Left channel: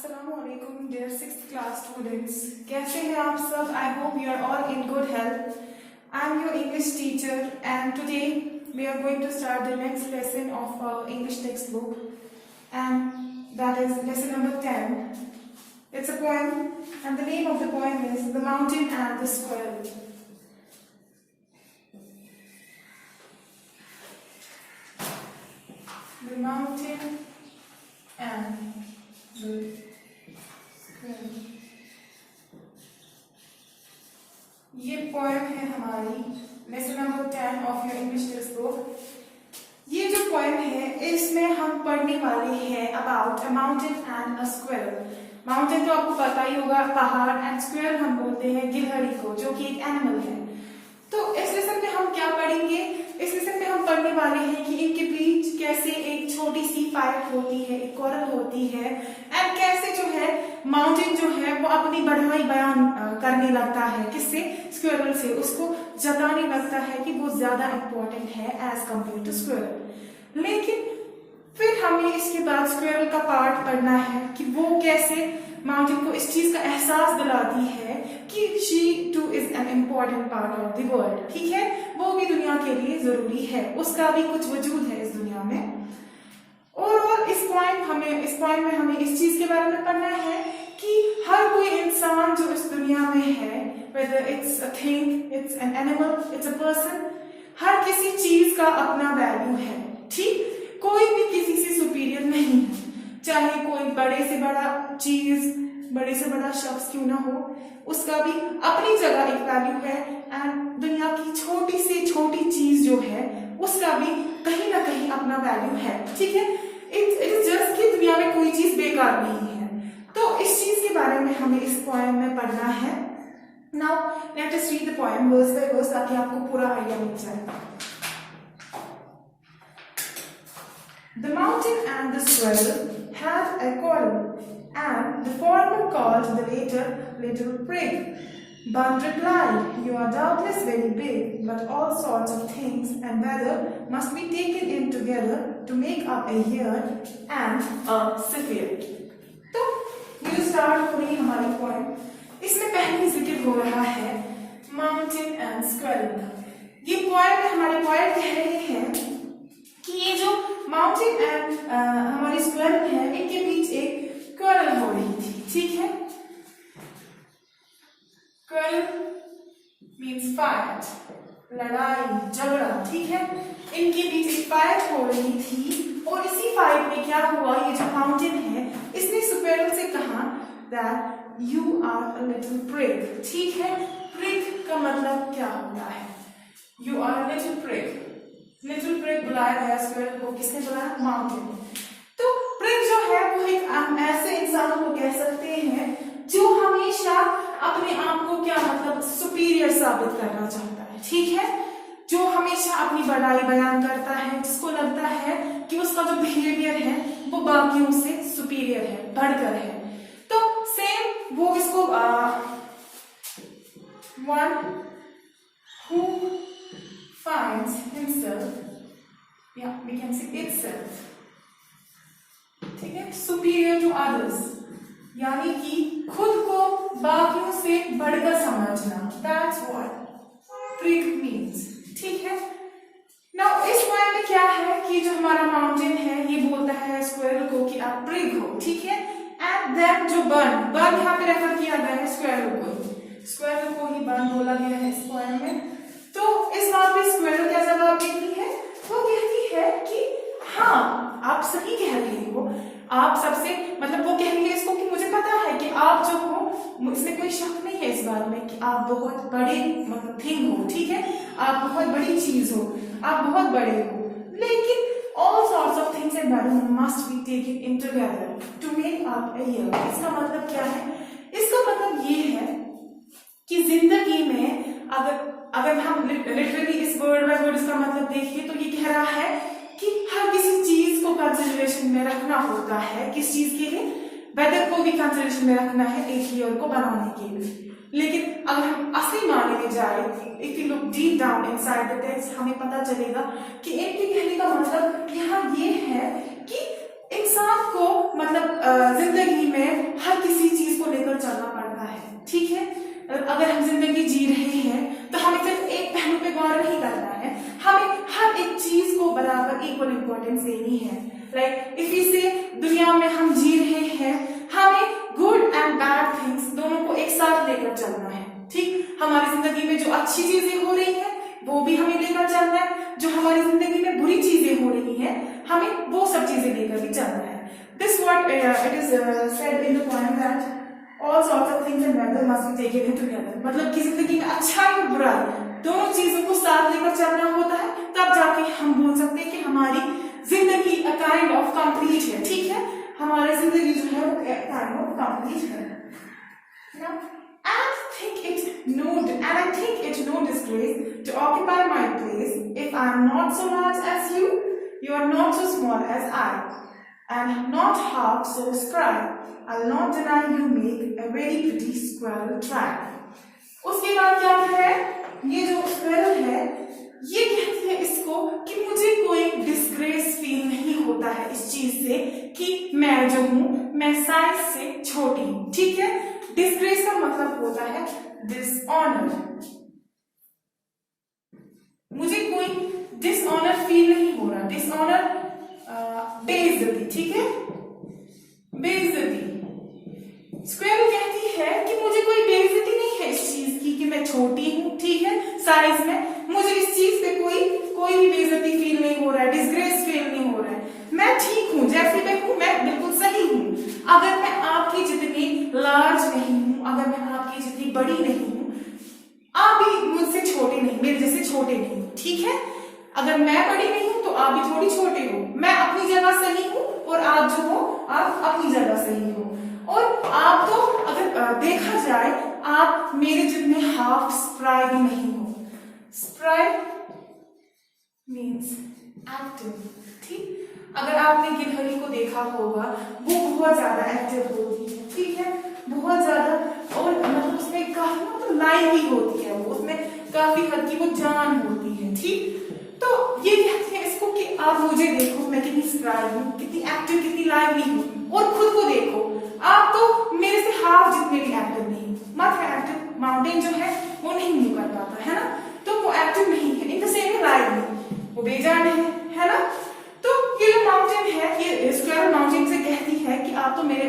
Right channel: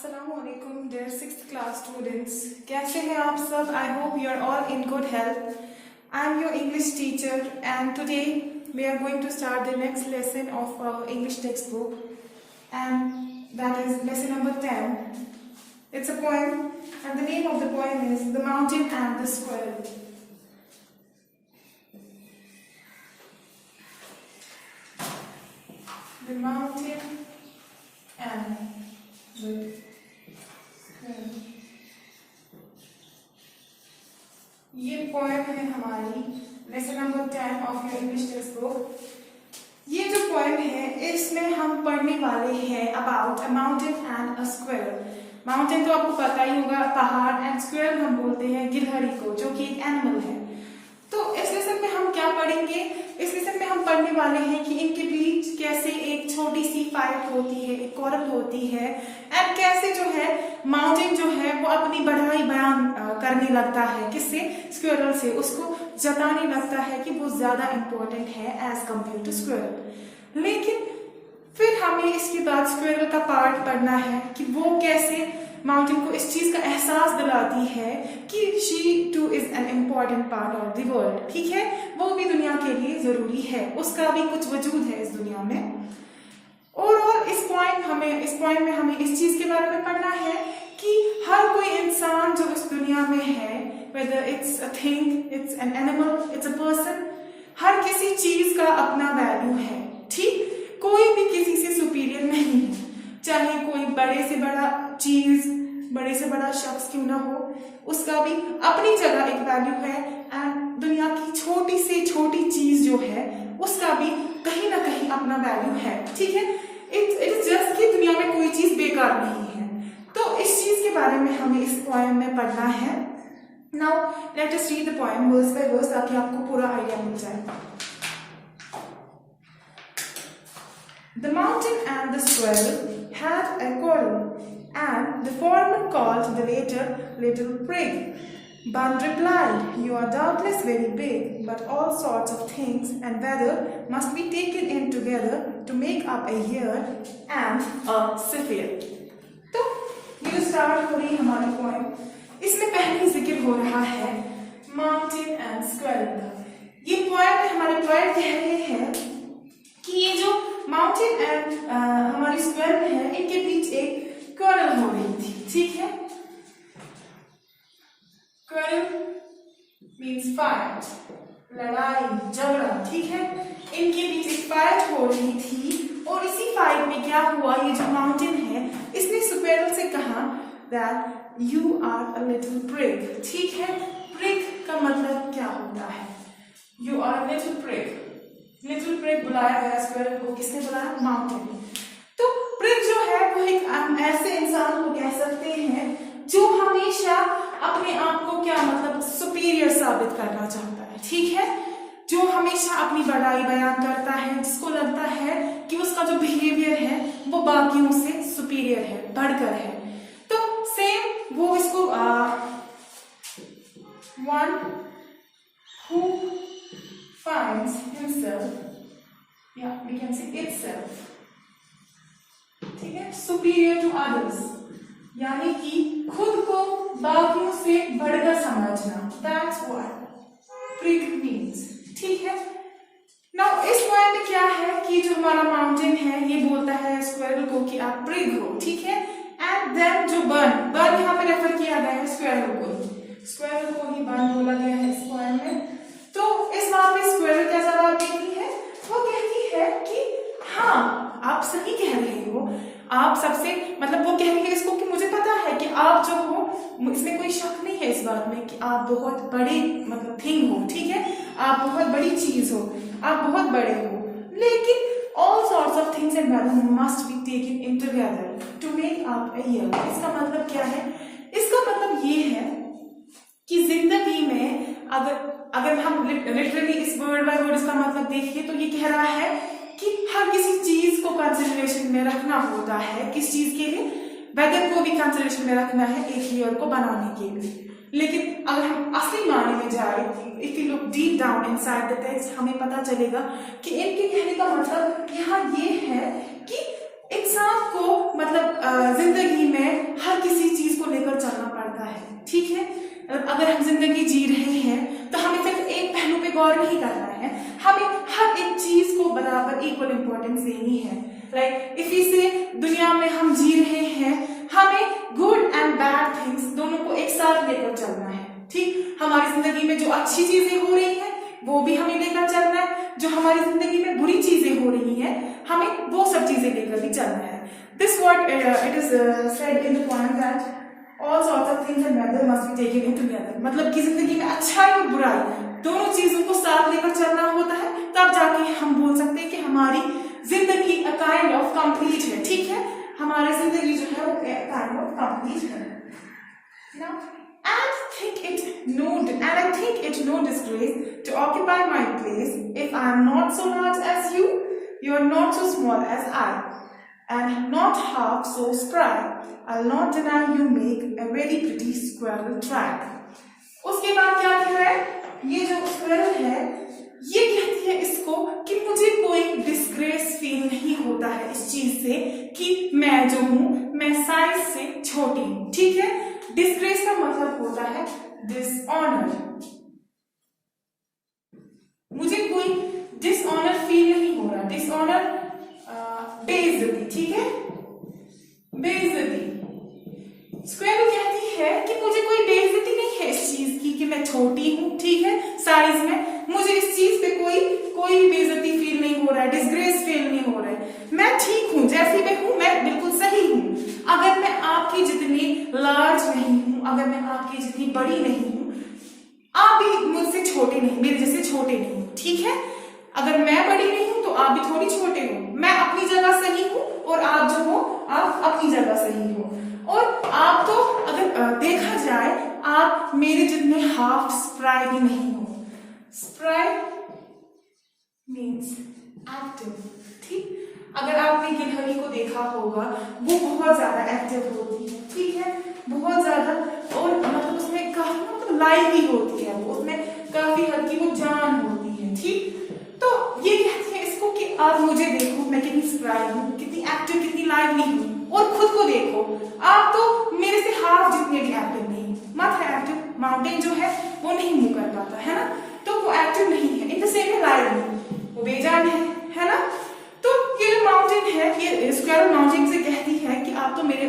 Assalamualaikum dear 6th class students. कैसे हैं आप सब? I hope you are all in good health. I am your English teacher and today we are going to start the next lesson of our English textbook and that is lesson number 10. It's a poem and the name of the poem is The Mountain and the Squirrel. The mountain and the squirrel. ये poem है हमारी lesson number 10 of your English text book. ये जो poem है इसमें हम पढ़ने वाले हैं about a mountain and a squirrel. Mountain तो आपको पता ही होगा, पहाड़, एंड स्क्विरल हम बोलते हैं गिलहरी को, जो कि एक एनिमल है। तो इस लेसन में हम क्या पढ़ेंगे? इस लेसन में हम पढ़ने वाले हैं कि इनके बीच कैसे एक छोटी सी फाइट होती है, एक क्वारल होती है, एंड कैसे जो है माउंटेन जो है वो अपनी बढ़ाई बयान करने लगता है, किससे? स्क्विरल से। उसको जताने लगता है कि वो ज्यादा इंपॉर्टेंट है एज कंपेयर टू स्क्विरल। लेकिन फिर हमें इसके बाद स्क्विरल का पार्ट पढ़ना है कि वो कैसे माउंटेन को इस चीज का एहसास दिलाती है कि she two is an important part of the world. ठीक है, वो भी दुनिया के लिए जरूरी है, उसका भी कुछ वजूद है इस दुनिया में। और इस पॉइंट में हमें इस चीज के बारे में पढ़ना है कि हर कोई इंसान जो इस दुनिया में है, whether it's a thing, it's an animal, it's a person, हर किसी चीज का अपना वैल्यू है। ठीक, कोई भी किसी से सुपीरियर नहीं है, चाहे कोई बड़े से बड़ा चीज, बड़े से बड़ा शख्स क्यों ना हो, उसका भी अपनी जगह एक वैल्यू है। एंड दुनिया की छोटी से छोटी चीज जो है उसका भी कहीं ना कहीं अपना वैल्यू है। ठीक है, इट इज जस्ट कि दुनिया में कोई चीज बेकार नहीं है। तो इस चीज के बारे में हमें इस पोएम में पढ़ना है। Now let us read the poem verse by verse ताकि आपको पूरा आइडिया मिल जाए। The mountain and the squirrel had a quarrel, and the former called the latter little prig. But replied, "You are doubtless very big, but all sorts of things and weather must be taken in together to make up a year and a sphere." तो ये जो start हो रही है हमारी poem, इसमें पहले जिक्र हो रहा है माउंटेन एंड स्क्विरल का। ये पोएम में हमारे पोएट कह रहे हैं कि ये जो माउंटेन एंड हमारी स्क्विरल है, इनके बीच एक क्वारल हो रही थी। ठीक है, क्वारल मीन्स फाइट, लड़ाई, झगड़ा। ठीक है, इनके बीच एक फाइट हो रही थी और इसी फाइट में क्या हुआ, ये जो माउंटेन है इसने स्क्विरल से कहा that you are a little prig. ठीक है, प्रिग का मतलब क्या होता है? You are a little prig. Little prig बुलाया गया स्क्विरल को, किसने बुलाया? माउंटेन। तो प्रिग जो है वो एक ऐसे इंसान को कह सकते हैं जो हमेशा अपने आप को क्या मतलब सुपीरियर साबित करना चाहता है। ठीक है, जो हमेशा अपनी बड़ाई बयान करता है, जिसको लगता है कि उसका जो बिहेवियर है वो बाकियों से सुपीरियर है, बढ़कर है। तो सेम वो इसको one who finds himself, yeah, we can say itself, ठीक है, superior to others, यानी कि खुद को बाकियों से बढ़कर समझना। That's what prig means। ठीक है, now इस पॉइंट में क्या है कि जो हमारा माउंटेन है ये बोलता है स्क्विरल को कि आप प्रिग हो। ठीक है, एंड देन जो बर्न यहाँ पे रेफर किया गया है स्क्विरल को ही बर्न बोला गया है इस पॉइंट में। तो इस बात पे स्क्विरल क्या जवाब देती है? वो कहती है कि हाँ, आप सही कह रहे हो, आप सबसे मतलब वो कहेंगे इसको कि मुझे पता है कि आप जो हो, इसमें कोई शक नहीं है इस बात में कि आप बहुत बड़े मतलब थिंग हो। ठीक है, आप बहुत बड़ी चीज हो, आप बहुत बड़े हो, लेकिन all sorts of things and weather must be taken in together to make up a year। इसका मतलब क्या है? इसका मतलब ये है कि जिंदगी में अगर हम लिटरली इस वर्ड बाय वर्ड इसका मतलब देखिए तो ये कह रहा है कि हर किसी चीज को कंसिडरेशन में रखना होता है। किस चीज के लिए? वेदर को भी कंसिडरेशन में रखना है एक ईयर को बनाने के लिए। लेकिन अगर हम असली मायने में जाए, if you look deep down inside the text, हमें पता चलेगा कि इनके कहने का मतलब यहाँ ये है कि इंसान को मतलब जिंदगी में अगर हम जिंदगी जी रहे हैं तो हमें सिर्फ एक पहलू पे गौर नहीं करना है, हमें हर एक चीज को बराबर इक्वल इंपॉर्टेंस देनी है। लाइक इफ वी से दुनिया में हम जी रहे हैं, हमें गुड एंड बैड थिंग्स दोनों को एक साथ लेकर चलना है। ठीक, हमारी जिंदगी में जो अच्छी चीजें हो रही है वो भी हमें लेकर चलना है, जो हमारी जिंदगी में बुरी चीजें हो रही है हमें वो सब चीजें लेकर भी चलना है। This what it is said in the point that all sorts of things and weather must be taken in together। मतलब कि जिंदगी में अच्छाई और बुराई दोनों चीजों को साथ लेकर चलना होता है, तब जाके हम बोल सकते हैं कि हमारी जिंदगी a kind of complete है। ठीक है, हमारी जिंदगी जो है वो kind of complete है। Now, I think it no disgrace to occupy my place if I am not so large as you are not so small as I, and not half so spry। I'll not deny you make a very pretty squirrel track। उसके बाद क्या कह रहा है, ये जो squirrel है ये कहती है इसको कि मुझे कोई डिस्ग्रेस फील नहीं होता है इस चीज से कि मैं जो हूं मैं साइज से छोटी हूं। ठीक है, डिस्ग्रेस का मतलब होता है डिसऑनर। मुझे कोई डिसऑनर फील नहीं हो रहा, डिसऑनर बेइज्जती। ठीक है, बेइज्जती। स्क्वेरल कहती है कि मुझे कोई बेइज्जती नहीं है इस चीज की कि मैं छोटी हूं। ठीक है, साइज में मुझे इस चीज पे कोई भी बेइज्जती फील नहीं हो रहा है, डिस्ग्रेस फील नहीं हो रहा है। मैं ठीक हूं, जैसे मैं हूं मैं बिल्कुल सही हूं। अगर मैं आपकी जितनी लार्ज नहीं हूं, अगर मैं आपकी जितनी बड़ी नहीं हूं, आप भी मुझसे छोटे नहीं, मेरे जैसे छोटे नहीं। ठीक है, अगर मैं बड़ी नहीं हूं तो आप भी थोड़ी छोटे हो। मैं अपनी जगह सही हूं और आप जो हो आप अपनी जगह सही हो। और आप तो अगर देखा जाए आप मेरे जितने हाफ स्प्राई भी नहीं हो। Spry means active. ठीक, अगर आपने गिलहरी को देखा होगा वो बहुत ज्यादा एक्टिव होती है। ठीक है, बहुत ज्यादा, और मतलब उसमें काफी मतलब लाइवली होती है, वो उसमें काफी हद की वो जान होती है। ठीक, तो ये कहते हैं इसको कि आप मुझे देखो मैं कितनी स्प्राई हूँ, कितनी एक्टिव, कितनी लाइवली हूँ, और खुद को देखो आप तो मेरे से हाफ जितने भी एक्टिव नहीं। मत है एक्टिव, माउंटेन जो है वो नहीं मूव कर पाता है ना, तो वो एक्टिव नहीं है। In the same way lively, वो बेजान है ना। तो ये जो माउंटेन है, ये स्क्वेरल माउंटेन से कहती है कि आप मेरे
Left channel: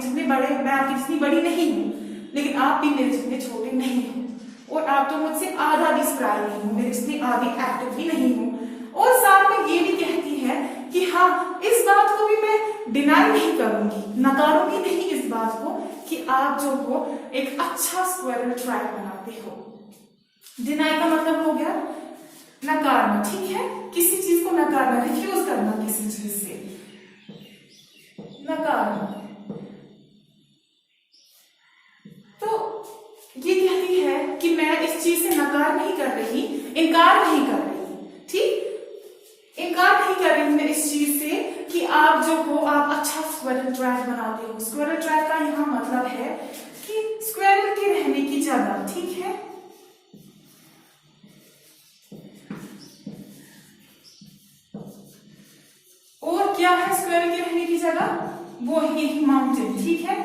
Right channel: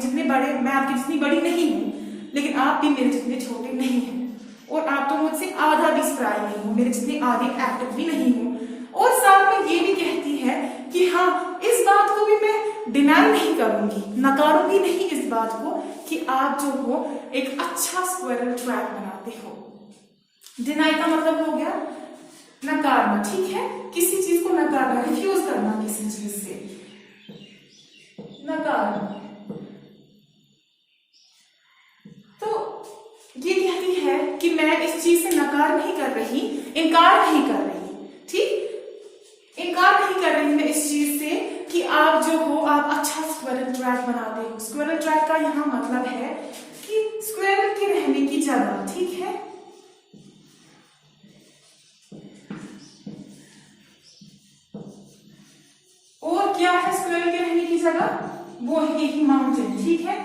जितने बड़े, मैं आपकी जितनी बड़ी नहीं हूँ, लेकिन आप भी मेरे जितने छोटे नहीं हैं, और आप तो मुझसे आधा भी स्प्राई नहीं हो, मेरे जितने आधे एक्टिव भी नहीं हो। और साथ में ये भी कहती है कि हाँ, इस बात को भी मैं डिनाई नहीं करूंगी, नकारूंगी नहीं इस बात को कि आप जो हो एक अच्छा स्क्वेरल ट्रैक बनाते हो। डिनाई का मतलब हो गया नकारना। ठीक है, किसी चीज को नकारना, रिफ्यूज करना किसी चीज से, नकारना। तो ये कहती है कि मैं इस चीज से नकार नहीं कर रही, इनकार नहीं कर रही। ठीक, इनकार नहीं कर रही मैं इस चीज से कि आप जो हो आप अच्छा स्क्वेरल ट्रैक बनाते हो। स्क्वेरल ट्रैक का यहाँ मतलब है कि स्क्वेरल के रहने की जगह। ठीक है, और क्या है स्क्वेरल के रहने की जगह, वो है यही माउंटेन। ठीक है,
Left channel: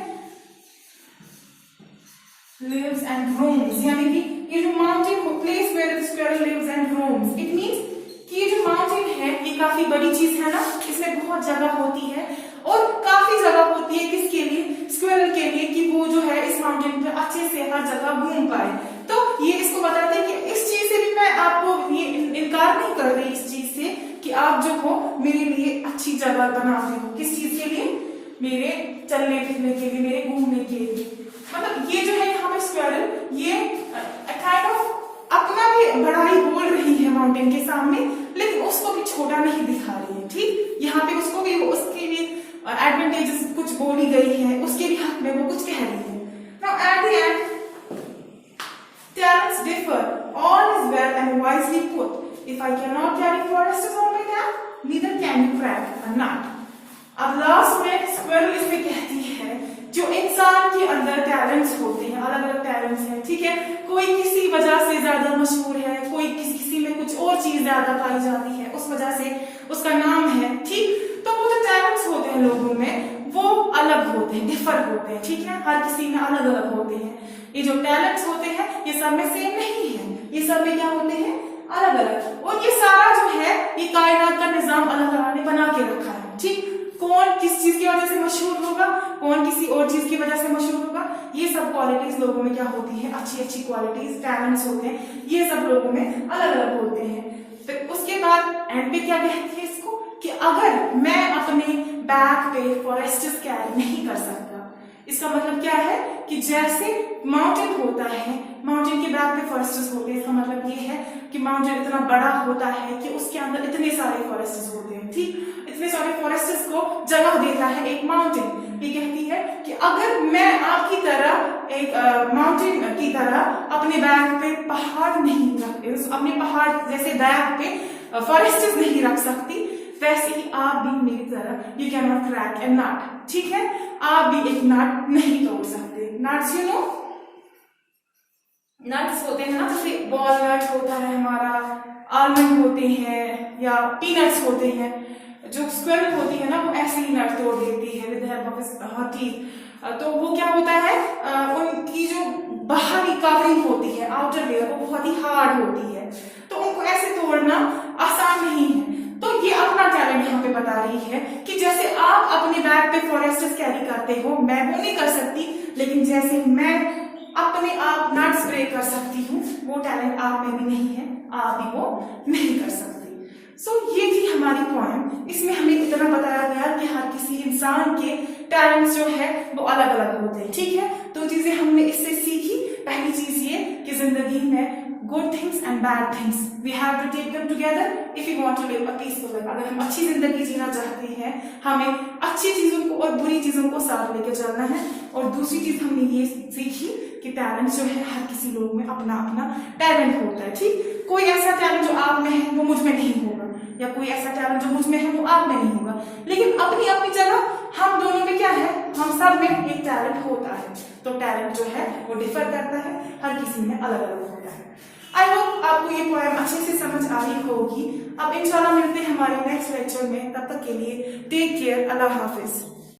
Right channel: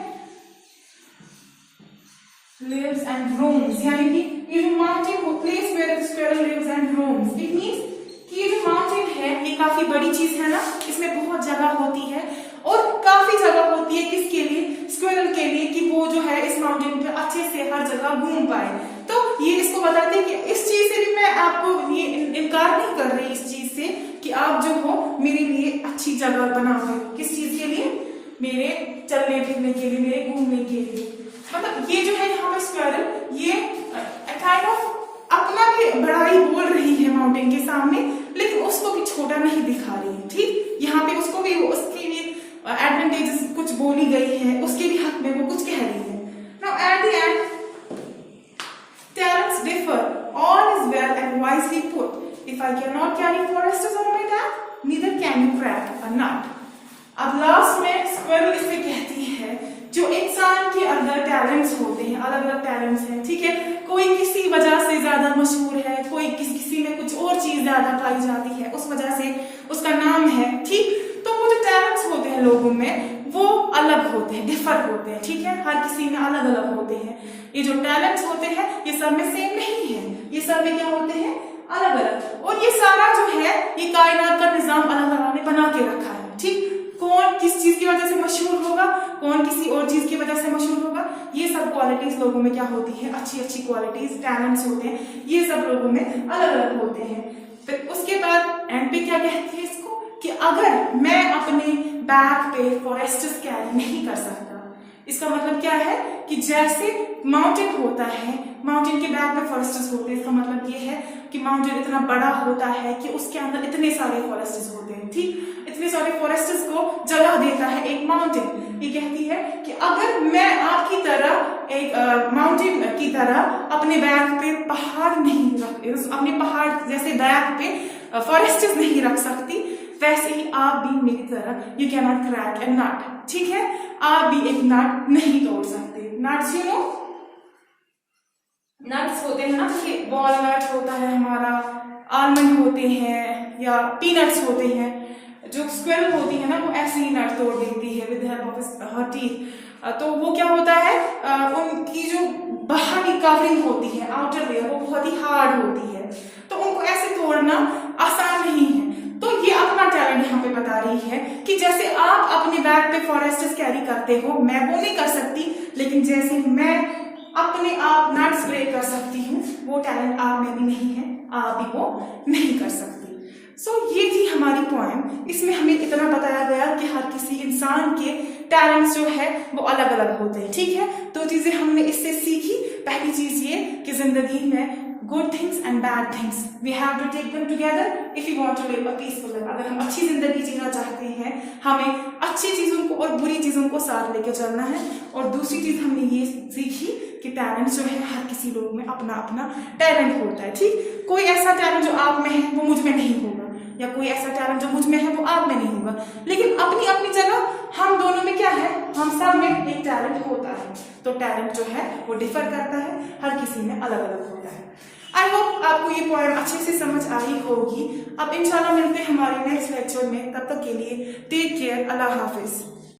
lives and roams, यानी कि ये जो माउंटेन वो place where squirrel lives and roams, it means कि ये जो माउंटेन है ये काफी बड़ी चीज है ना, इसमें बहुत जगह होती है, और काफी जगह होती है किसके लिए, स्क्वेरल के लिए, कि वो जो है इस माउंटेन पे अच्छे से हर जगह घूम पाए। तो ये इसको बताते हैं कि इस चीज से भी मैं आपको ये इनकार नहीं कर रही इस चीज से कि आप जो हो मेरे लिए अच्छी जगह बनाते हो। किस चीज के लिए, मेरे चलने फिरने के लिए, मेरे घूमने के लिए। मतलब ये जो है यहाँ पे स्क्वेरल ये काइंड ऑफ अपना भी बड़ाई बोल रही है माउंटेन के सामने, लेकिन उसको भी छोटा नहीं दिखा रही है। ठीक, यहाँ पे उसको भी उसके भी एडवांटेजेस कुछ बोली गई है, उसके भी हक में वो कुछ कह रही है। Now at the end talents differ, all is well and wisely put, if I cannot carry forests on my back, neither can you crack a nut। अब लास्ट में स्क्वेरल इसमें कहती है जो इंसान के अंदर टैलेंट्स होते हैं, अलग अलग टैलेंट्स हैं। ठीक है, कोई किसी वजह से ज्यादा मशहूर है, कोई किसी में कुछ और चीज ज्यादा पाई जाती है, उस वजह से उसका नाम है। ठीक, तो वो जो टैलेंट्स होते हैं लोगों में वो अलग होते हैं, डिफर होते हैं, ठीक है, हर किसी में अलग अलग होते हैं। ये जो टैलेंट्स होते हैं ये सब में सेम नहीं है, ये सब में क्या होते हैं, अलग अलग। और ये सारा जो है ये कायनात का निजाम अल्लाह ताला ने बना के रखा है, ठीक। कौन किस चीज की वजह से मशहूर होगा, कौन किसी और चीज की वजह से मशहूर होगा, ये सब क्वालिटीज लोगों में क्या होती है, अच्छी अच्छी क्वालिटीज, टैलेंट्स होते हैं, ये सब लोगों में अलग अलग होते हैं। फिर उसके बाद एंड पे क्या कहती है इसको, कि अगर मैं अपने बैक पे फॉरेस्ट्स कैरी नहीं कर सकता, इसका मतलब क्या है कि जैसे माउंटेन होता है, माउंटेन के बैक में फॉरेस्ट्स होते हैं, इसका मतलब ये है कि माउंटेन इतना बड़ा होता है कि उसके अंदर इतने सारे फॉरेस्ट्स होते हैं, ठीक, इतने सारे फॉरेस्ट्स को जगह देता है एक माउंटेन। ये कहती है कि अगर मैं आपकी तरह एक माउंटेन की तरह अपने बैक पे पहाड़ नहीं रख, अपने पहाड़ जैसे बैक पे फॉरेस्ट्स नहीं रख सकती, वैसे ही आप भी मेरी तरह यू कैन नॉट क्रैक ए नट, ठीक है, आप भी एक नट नहीं तोड़ सकते। नट्स यू नो, नट्स होते हैं ना, जैसे वॉलनट होता है हमारा, आलमंड होते हैं या पीनट्स होते हैं। जो स्क्विरल होती है ना वो ऐसे ही नट तोड़ देती है with help of her teeth. तो वो क्या होता है, उनकी जो बाहरी कवरिंग होती है, आउटर लेयर, वो बहुत ही हार्ड होती है, तो उनको ऐसे तोड़ना आसान नहीं है। तो ये अपना टैलेंट यहाँ पे बता रही है कि जैसे आप अपने बैग पे फॉरेस्ट्स कैरी करते हो, मैं वो नहीं कर सकती, लेकिन जैसे मैं अपने आप नट्स ब्रेक कर सकती हूँ, वो टैलेंट आप में भी नहीं है, आप भी वो नहीं कर सकती। सो ये थी हमारी पोएम। इसमें हमें इतना बताया गया कि हर किसी इंसान के टैलेंट्स जो है वो अलग अलग होते हैं, ठीक है। तो चीजें हमने इससे सीखी। पहली चीज ये कि जिंदगी में good things and bad things we have to take them together if you want to live a peaceful life. अगर हम अच्छी जिंदगी जीना चाहते हैं, हमें अच्छी चीजों को और बुरी चीजों को साथ लेकर चलना है। और दूसरी चीज हमने ये सीखी कि टैलेंट जो है हर किसी लोग में अपना अपना टैलेंट होता है, ठीक। कोई ऐसा टैलेंट जो आप में है वो मुझ में नहीं होगा, या कोई ऐसा टैलेंट जो मुझ में है वो आप में नहीं होगा, लेकिन अपनी अपनी जगह हम दोनों में क्या है, हम सब में एक टैलेंट होता है। तो टैलेंट जो है वो डिफर करता है, हर किसी में अलग अलग होता है। आई होप आपको ये पॉइंट अच्छे से समझ आई होगी। अब इंशाल्लाह मिलते हैं हमारे नेक्स्ट लेक्चर में, तब तक के लिए टेक केयर, अल्लाह हाफिज।